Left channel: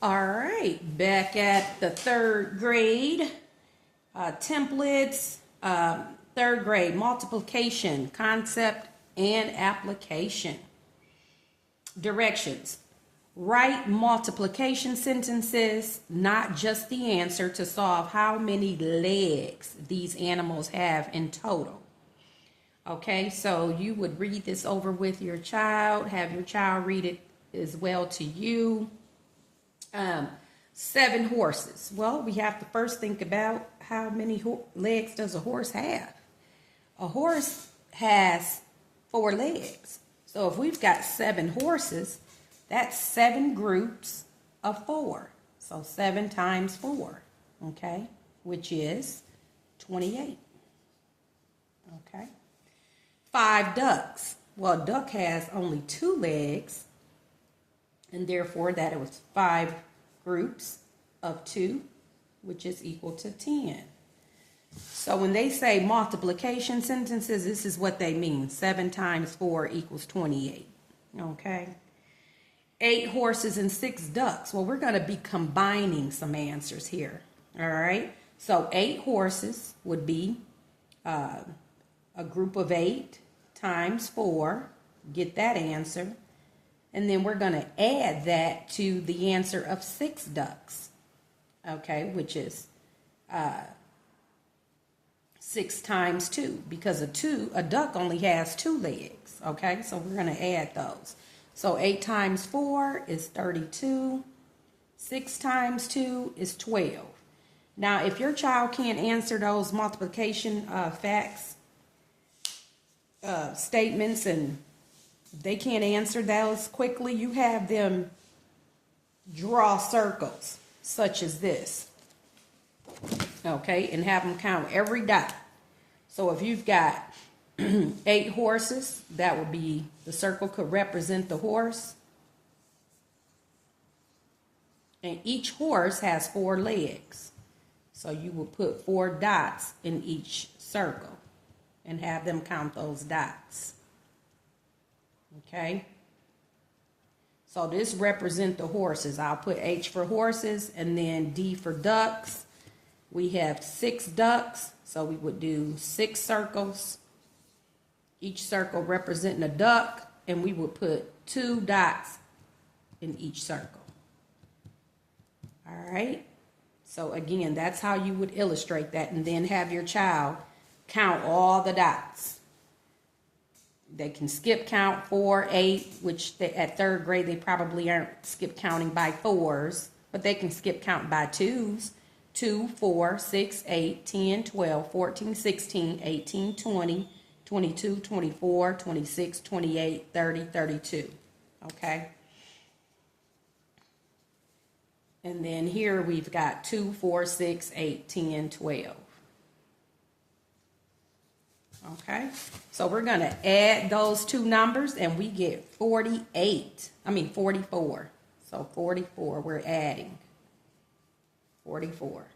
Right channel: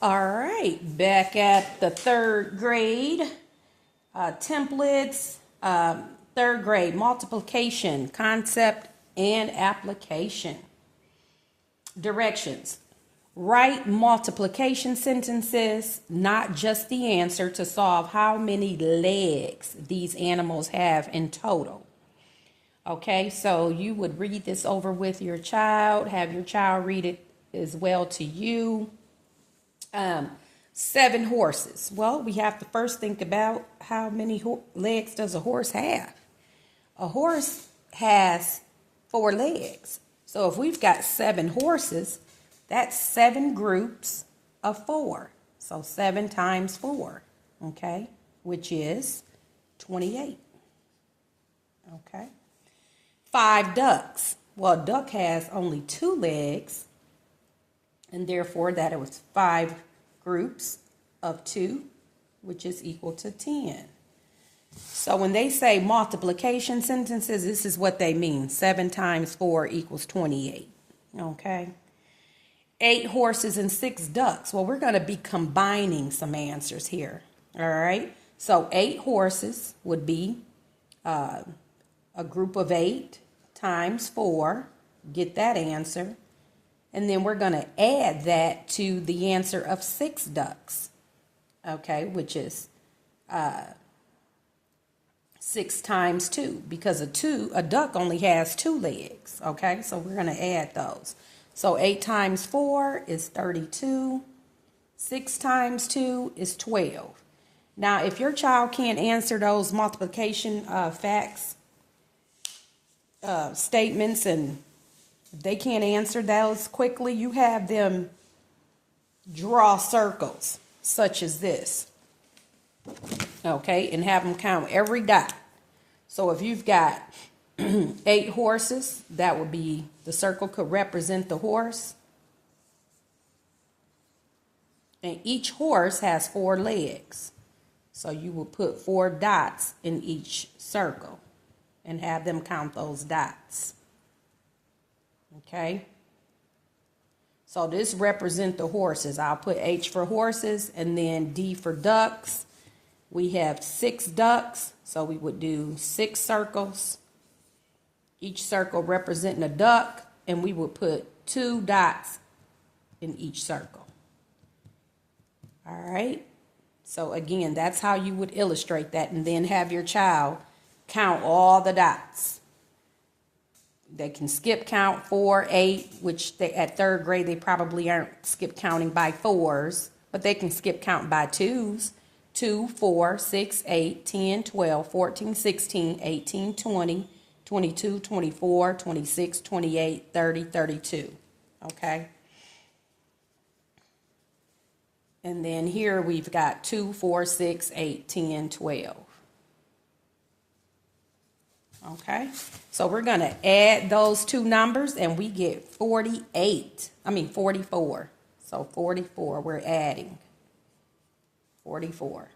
All right, back at the third grade. Templates, third grade, multiplication, concept, and application. Directions. Write multiplication sentences, not just the answer, to solve how many legs these animals have in total. Okay, so you would read this over with your child, have your child read it as well to you. 7 horses. Well, we have to first think about how many legs does a horse have. A horse has 4 legs. So if we've got 7 horses, that's 7 groups of 4. So 7 times 4, okay, which is 28. Okay. 5 ducks. Well, a duck has only 2 legs, and therefore that was 5 groups of 2, which is equal to 10. So when they say multiplication sentences, this is what they mean. 7 times 4 equals 28. Okay. 8 horses and 6 ducks. Well, we're going to be combining some answers here. All right. So 8 horses would be a group of 8 times 4. Get that answer. And then we're going to add that to the answer of 6 ducks, okay, which is 6 times 2, because a duck only has 2 legs, okay? So we're going to add those. So 8 times 4 is 32. 6 times 2 is 12. Now, if your child can't answer those multiplication facts, statements, and they can't answer those quickly, you have them draw circles such as this, okay, and have them count every dot. So if you've got 8 horses, that would be, the circle could represent the horse, and each horse has 4 legs, so you will put 4 dots in each circle and have them count those dots. Okay, so this represents the horses. I'll put H for horses and then D for ducks. We have 6 ducks, so we would do 6 circles, each circle representing a duck, and we would put 2 dots in each circle. All right, so again, that's how you would illustrate that, and then have your child count all the dots. They can skip count 4, 8, which at third grade they probably aren't skip counting by 4s, but they can skip count by 2s. 2, 4, 6, 8, 10, 12, 14, 16, 18, 20, 22, 24, 26, 28, 30, 32. Okay? And then here we've got 2, 4, 6, 8, 10, 12. Okay, so we're going to add those 2 numbers and we get 44. So 44, we're adding 44.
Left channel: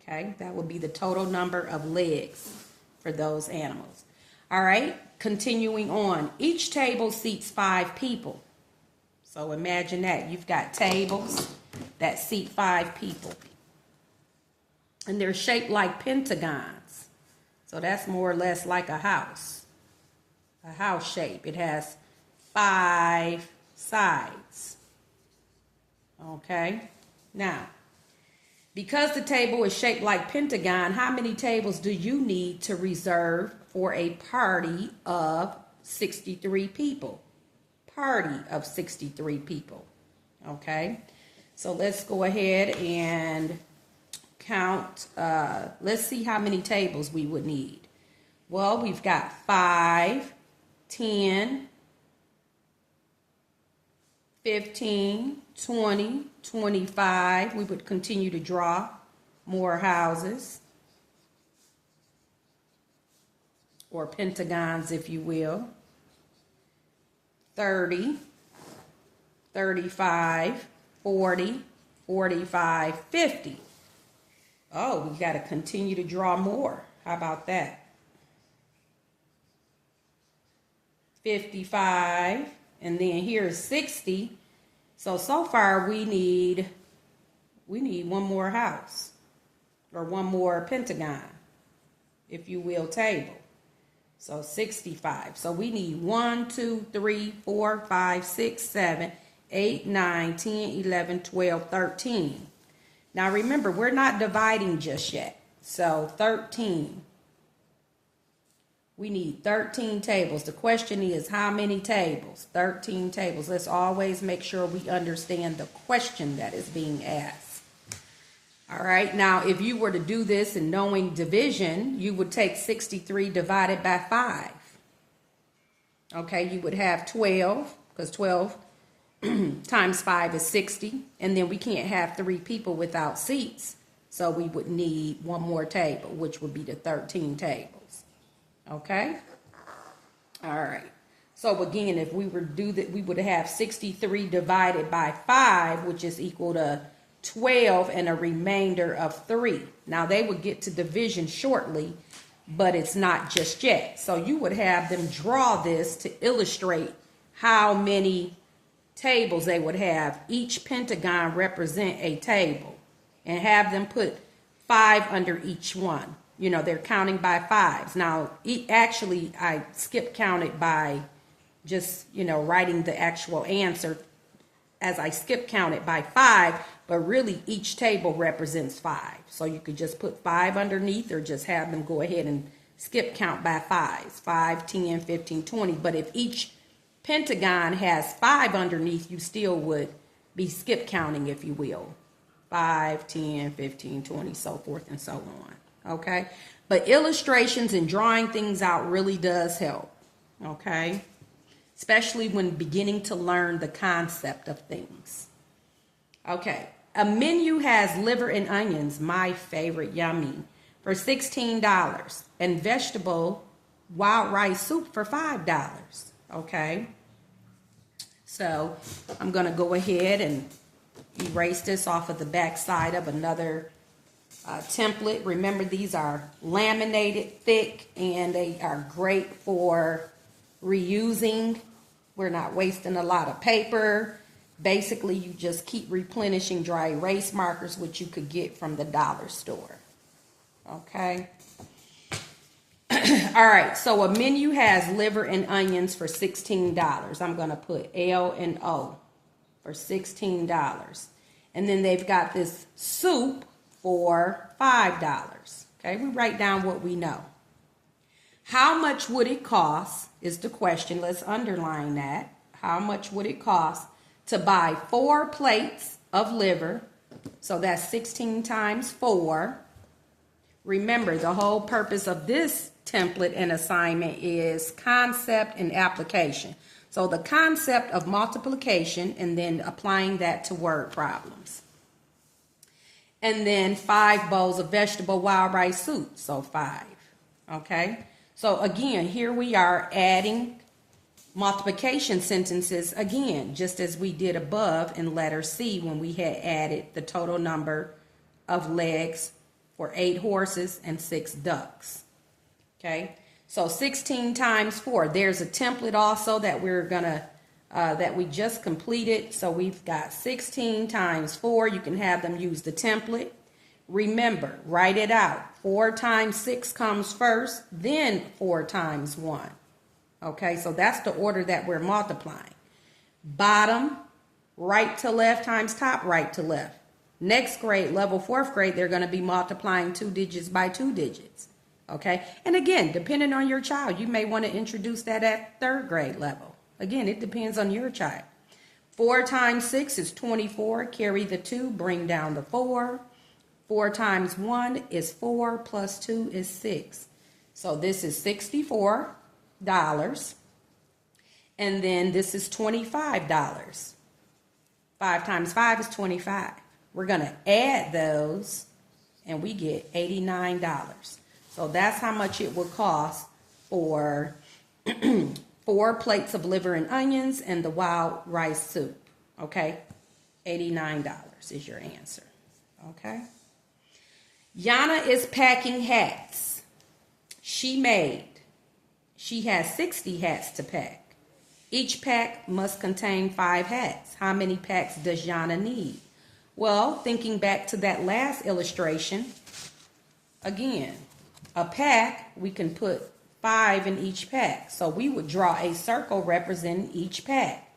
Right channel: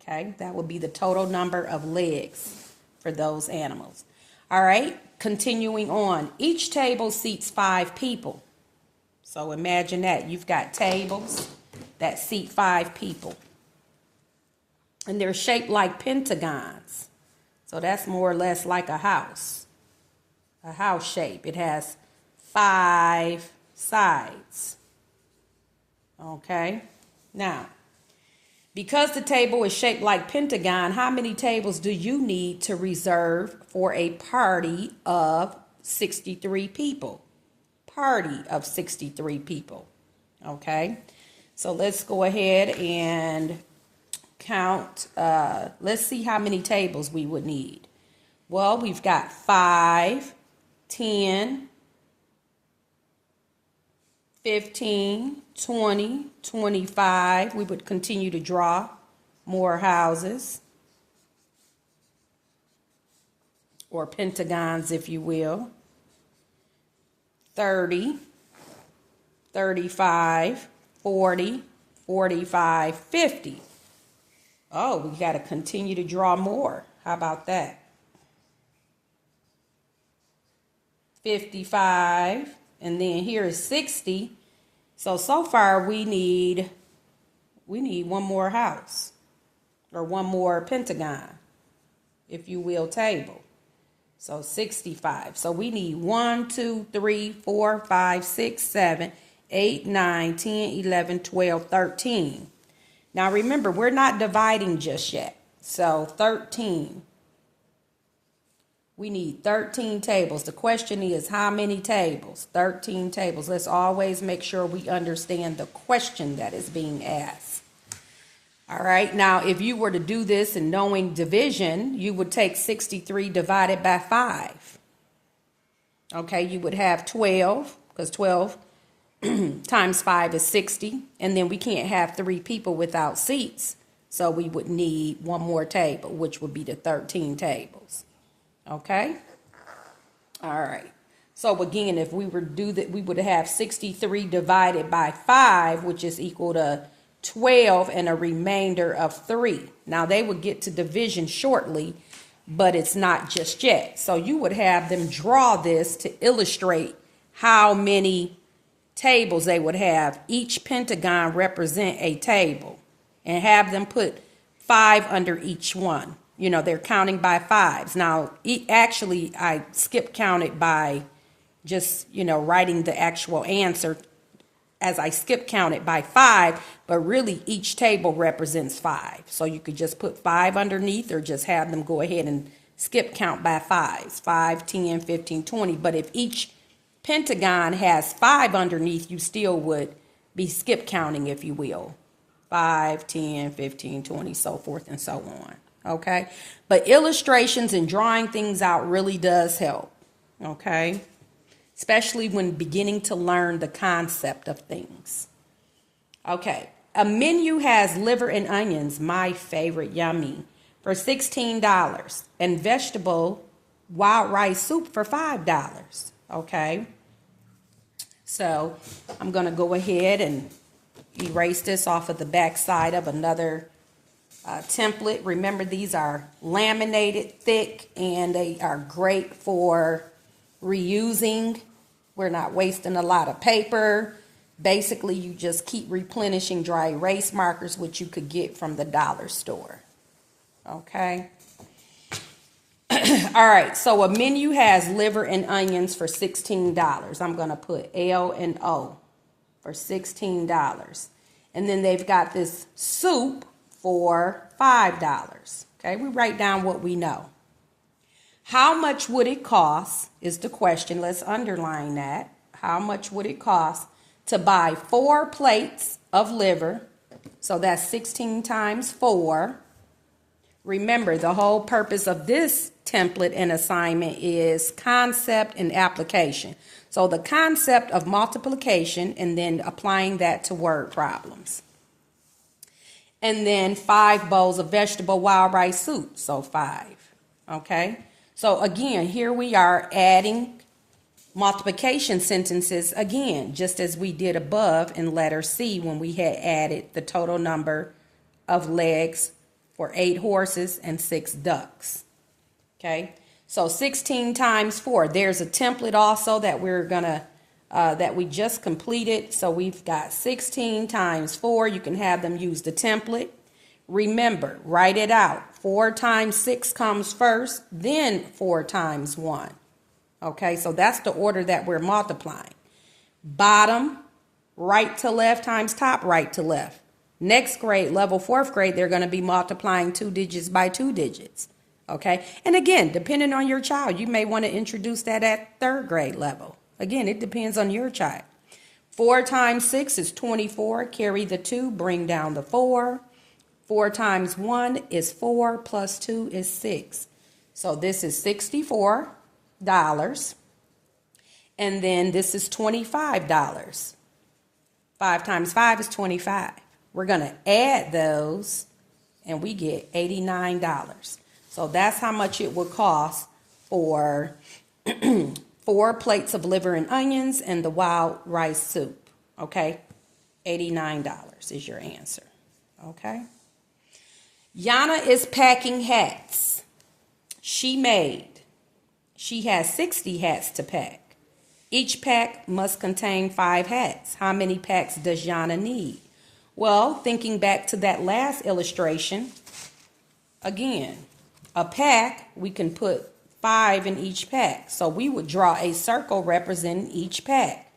Okay, that would be the total number of legs for those animals. All right, continuing on. Each table seats 5 people. So imagine that. You've got tables that seat 5 people. And they're shaped like pentagons. So that's more or less like a house shape. It has 5 sides. Okay. Now, because the table is shaped like pentagon, how many tables do you need to reserve for a party of 63 people? Party of 63 people. Okay. So let's go ahead and count. Let's see how many tables we would need. Well, we've got 5, 10, 15, 20, 25. We would continue to draw more houses, or pentagons, if you will. 30, 35, 40, 45, 50. Oh, we got to continue to draw more. How about that? 55, and then here is 60. So far we need We need one more house, or one more pentagon, if you will, table. So 65. So we need 1, 2, 3, 4, 5, 6, 7, 8, 9, 10, 11, 12, 13. Now remember, we're not dividing just yet. So 13. We need 13 tables. The question is, how many tables? 13 tables. Let's always make sure we understand the question that is being asked. All right. Now, if you were to do this and knowing division, you would take 63 divided by 5. Okay. You would have 12, because 12 times 5 is 60. And then we can't have 3 people without seats. So we would need one more table, which would be the 13 tables. Okay. All right. So again, if we were to do that, we would have 63 divided by 5, which is equal to 12 and a remainder of 3. Now they would get to division shortly, but it's not just yet. So you would have them draw this to illustrate how many tables they would have. Each pentagon represent a table, and have them put 5 under each one. You know, they're counting by 5s. Now, actually, I skip counted by just, writing the actual answer as I skip counted by 5, but really each table represents 5. So you could just put 5 underneath, or just have them go ahead and skip count by 5s, 5, 10, 15, 20. But if each pentagon has 5 underneath, you still would be skip counting, if you will. 5, 10, 15, 20, so forth and so on. Okay. But illustrations and drawing things out really does help. Okay. Especially when beginning to learn the concept of things. Okay. A menu has liver and onions, my favorite, yummy, for $16, and vegetable wild rice soup for $5. Okay. So I'm going to go ahead and erase this off of the back side of another template. Remember, these are laminated thick, and they are great for reusing. We're not wasting a lot of paper. Basically, you just keep replenishing dry erase markers, which you could get from the dollar store. Okay. All right. So a menu has liver and onions for $16. I'm going to put L and O for $16. And then they've got this soup for $5. Okay. We write down what we know. How much would it cost is the question. Let's underline that. How much would it cost to buy 4 plates of liver? So that's 16 times 4. Remember, the whole purpose of this template and assignment is concept and application. So the concept of multiplication, and then applying that to word problems. And then 5 bowls of vegetable wild rice soup. So 5. Okay. So again, here we are adding multiplication sentences again, just as we did above in letter C when we had added the total number of legs for 8 horses and 6 ducks. Okay. So 16 times 4. There's a template also that that we just completed. So we've got 16 times 4. You can have them use the template. Remember, write it out. 4 times 6 comes first, then 4 times 1. Okay, so that's the order that we're multiplying. Bottom, right to left times top, right to left. Next grade, level 4th grade, they're going to be multiplying 2 digits by 2 digits. Okay, and again, depending on your child, you may want to introduce that at 3rd grade level. Again, it depends on your child. 4 times 6 is 24. Carry the 2, bring down the 4. 4 times 1 is 4, plus 2 is 6. So this is $64. And then this is $25. 5 times 5 is 25. We're going to add those, and we get $89. So that's how much it would cost for 4 plates of liver and onions and the wild rice soup. Okay? $89 is your answer. Okay? Yana is packing hats. She has 60 hats to pack. Each pack must contain 5 hats. How many packs does Yana need? Well, thinking back to that last illustration, again, a pack, we can put 5 in each pack. So we would draw a circle representing each pack.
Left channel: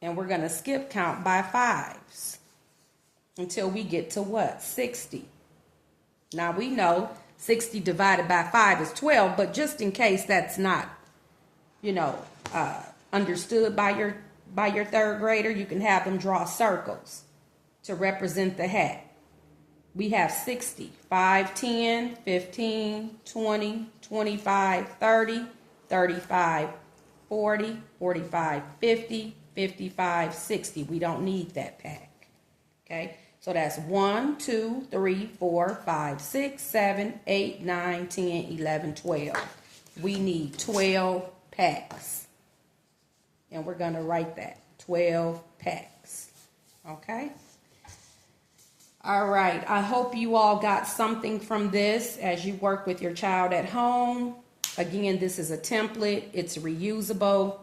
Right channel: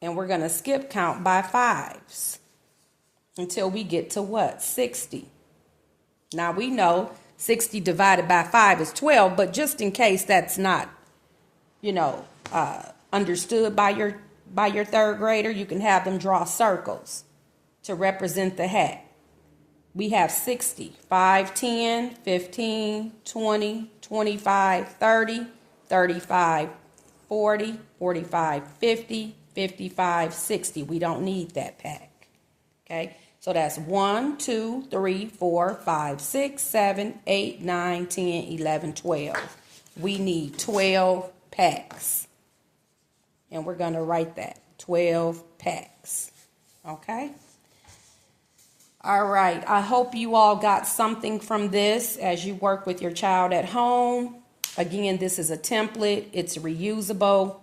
And we're going to skip count by 5s until we get to what? 60. Now we know 60 divided by 5 is 12, but just in case that's not, understood by your third grader, you can have them draw circles to represent the hat. We have 60, 5, 10, 15, 20, 25, 30, 35, 40, 45, 50, 55, 60. We don't need that pack. Okay, so that's 1, 2, 3, 4, 5, 6, 7, 8, 9, 10, 11, 12. We need 12 packs. And we're going to write that, 12 packs. Okay? All right, I hope you all got something from this as you work with your child at home. Again, this is a template. It's reusable.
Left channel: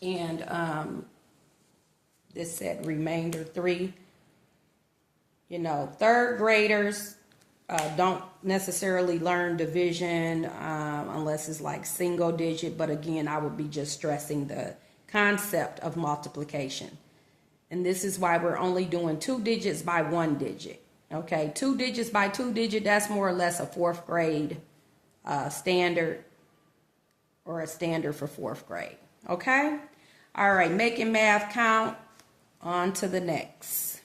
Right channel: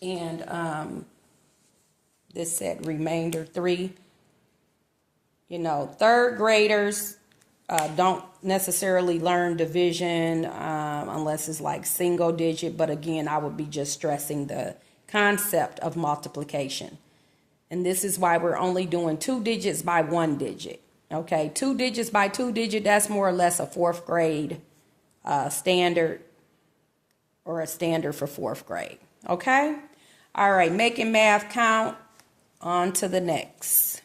And this said remainder 3. Third graders don't necessarily learn division unless it's like single digit. But again, I would be just stressing the concept of multiplication. And this is why we're only doing 2 digits by 1 digit. Okay, 2 digits by 2 digit, that's more or less a 4th grade standard, or a standard for 4th grade. Okay? All right, making math count. On to the next.